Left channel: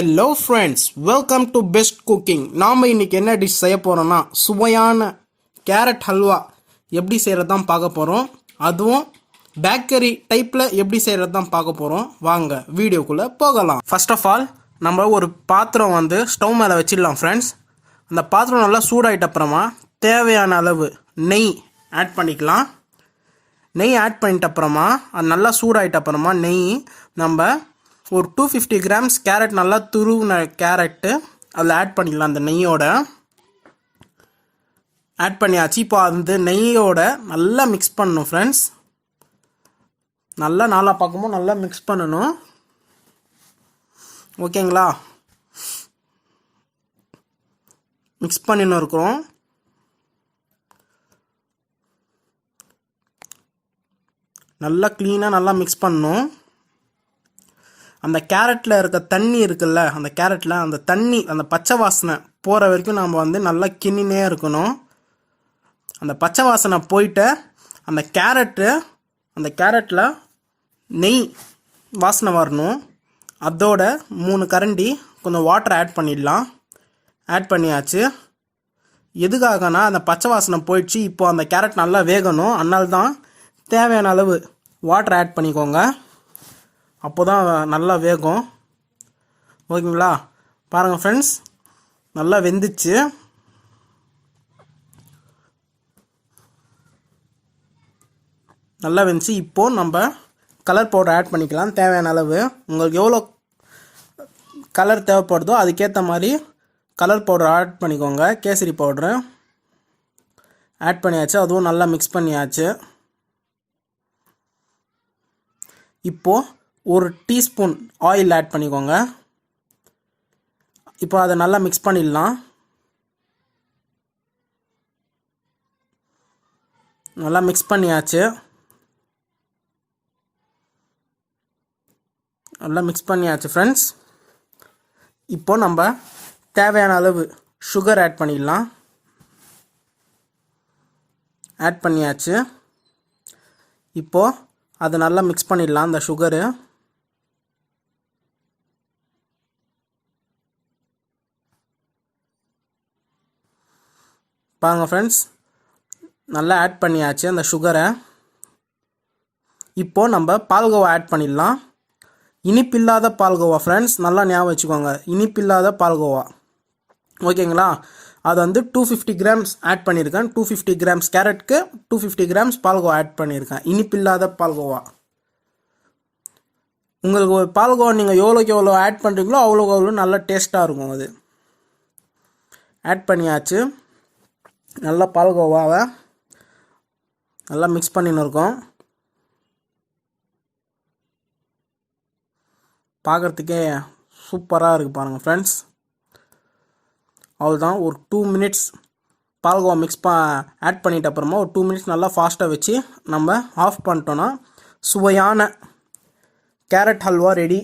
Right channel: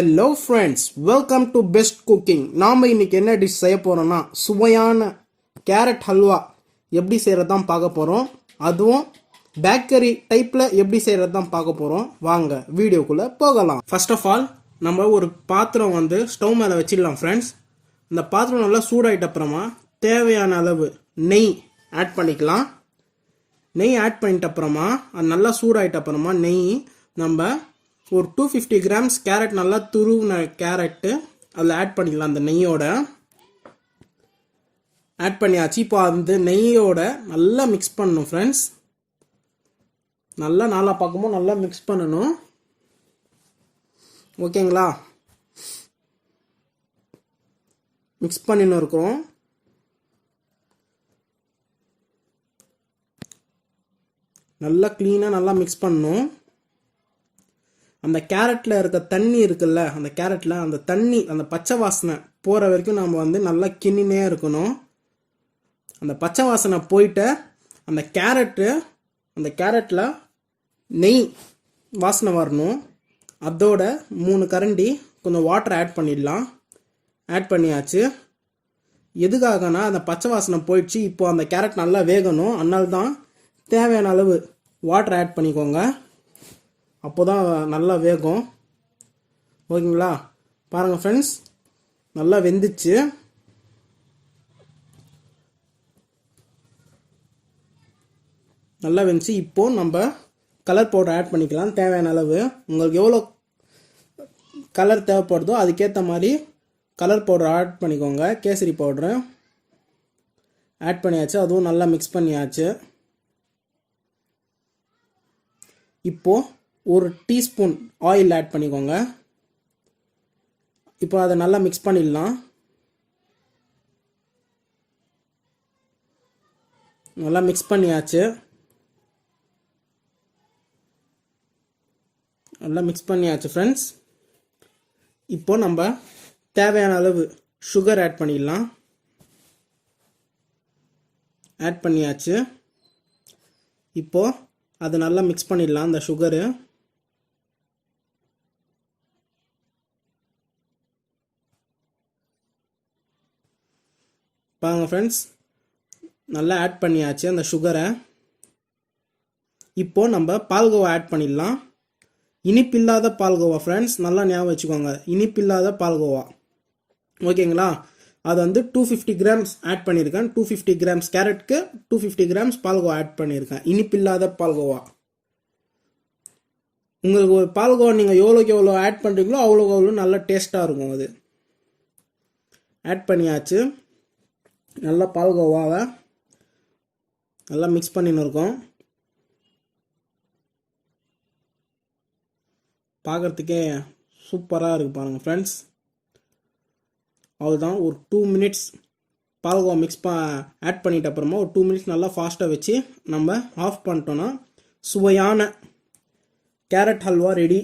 Hello friends, welcome to best cooking. நாம் இன்றைக்கி என்ன டிஷ் செய்ய போகிறோன்னா சுவையான கேரட் ஹல்வா எப்படி செய்கிறது தான் பார்க்க போகிறோம். அதுவும் பேக்கரி டைப்பில் எப்படி செய்கிறது தான் பார்க்க போகிறோம். வாங்க வீடியோக்குள்ளே போகலாம். ஃபர்ஸ்ட் ஆஃப் ஆல் நம்ம ஒரு பாத்திரம் ஸ்டவ் மேலே வச்சிடலாம் ஃப்ரெண்ட்ஸ். அந்த பாத்திரம் நல்லா சூடாயிட்ட அப்புறமா தேவையான அளவு நெய் ஆட் பண்ணிக்கலாம். நெய் ஆட் பண்ணிட்ட அப்புறமா அது நல்லா சூடாயிட்ட அப்புறமா நெய் நம்ம ஒரு 250 கிராம்ஸ் கேரட் நல்லா துருவின கேரட்டு அதில் ஆட் பண்ணிக்கலாம். அந்த நெய்யோட ஆட் பண்ணியாச்சு. இப்போ நெய்யோட நல்லா மிக்ஸ் பண்ணணும் ஃப்ரெண்ட்ஸ். நல்லா நாலா பக்கமும் நல்லா மிக்ஸ் பண்ணணும். ஓகேங்களா? மிக்ஸ் பண்ணின்னு இருக்கிறோம். நல்லா க்ளீனாக நல்லா மிக்ஸ் பண்ணணும். அந்த கேரட்டில் இருக்க தண்ணி இருக்குல்ல, அந்த கேரட்டில் அந்த தண்ணி அந்த பச்சை வாசனை போகிற வரைக்கும் நம்ம நல்லா கிண்ணினே இருக்கணும். அந்த பச்சை வாசனை போயிட்டு அந்த கேரட்டில் நெய் வாசனை வரணும். அதோட 3 கரண்டி கொஞ்சம் வாட்டர் ஆட் பண்ணிடலாம். ஆட் பண்ணியாச்சு. எதுக்காகனா அந்த பச்சை வாசனை போயிடுச்சு. இப்போ அந்த கேரட் நல்லா வேகணும். அதனால தான் தேவையான அளவு வாட்டர் ஆட் பண்ணிக்கோங்க. அப்போ தான் நல்லா வேகும். ஓகேங்களா? பாருங்கள் ஃப்ரெண்ட்ஸ், நல்லா வெந்துச்சு. நல்லா வெந்துச்சு. இப்போது நம்ம கலர் பவுடர் ஆட் பண்ணிக்கலாம் தேவையான அளவு. உங்களுக்கு எவ்வளோ கலர் தேவைப்படுதோ அதுக்கேற்ற மாதிரி கலர் பவுடர் ஆட் பண்ணிக்கோங்க. கேசரி பவுட்ரு ஆட் பண்ணியாச்சு. அதுவும் நல்லா மிக்ஸ் பண்ணியாச்சு. இப்போது ஒரு டீஸ்பூன் ஆயில் ஆட் பண்ணிக்கோங்க. இப்போ அதை நல்லா மிக்ஸ் பண்ணிடலாம். நல்லா மிக்ஸ் பண்ணியாச்சு. நல்லா மிக்ஸ் பண்ணியாச்சு ஃப்ரெண்ட்ஸ். இப்போ நம்ம தேவையான அளவு சுகர் ஆட் பண்ணிடலாம். ஆட் பண்ணியாச்சு. இப்போது அதை நல்லா மிக்ஸ் பண்ணிடலாம். அந்த சுகரு பாருங்கள் ஃப்ரெண்ட்ஸ், நல்லா ஆட் பண்ணியாச்சு அந்த சுகரை. இப்போது நம்ம பால்கோவா ஆட் பண்ணிடலாம். இனிப்பில்லாத பால்கோவா ஃப்ரெண்ட்ஸ், நல்லா ஞாபகம் வச்சுக்கோங்க. இனிப்பில்லாத பால்கோவா. ஓகேங்களா? அது 250 கிராம்ஸ் ஆட் பண்ணியிருக்கேன். 250 கிராம்ஸ் கேரட்க்கு 250 கிராம்ஸ் பால்கோவா ஆட் பண்ணியிருக்கேன். இனிப்பில்லாத பால்கோவா. உங்களுக்கு ஒரு பால்கோவா நீங்கள் எவ்வளோக்கு எவ்வளோ ஆட் பண்ணுறீங்களோ அவ்வளோக்கு அவ்வளோ நல்லா டேஸ்ட்டாக இருக்கும். அது ஆட் பண்ணியாச்சு. நல்லா பால்கோவாவை நல்லா மிக்ஸ் பண்ணின்னு இருக்கோம். பார்க்குறதுக்கே சூப்பராக இருக்குது பாருங்கள் ஃப்ரெண்ட்ஸ். அவ்வளோதான். ஒரு 2 மினிட்ஸ் பால்கோவா ஆட் பண்ணிட்ட அப்புறமா ஒரு 2 மினிட்ஸ் நல்லா ஃபாஸ்ட்டாக வச்சு நம்ம ஆஃப் பண்ணிட்டோன்னா சுவையான கேரட் ஹல்வா ரெடி.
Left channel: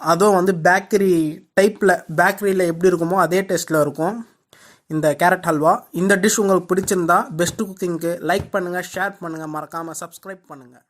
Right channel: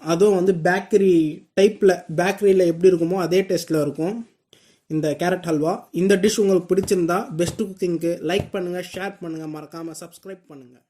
அதுவும் பேக்கரி டைப்பில், பேக்கரியில் எப்படி இருக்குமோ அதே டேஸ்ட்டில் இருக்கும் இந்த கேரட் ஹல்வா. இந்த டிஷ் உங்களுக்கு பிடிச்சிருந்தா பெஸ்ட் குக்கிங்க்கு லைக் பண்ணுங்கள், ஷேர் பண்ணுங்கள், மறக்காமல் சப்ஸ்கிரைப் பண்ணுங்கள்.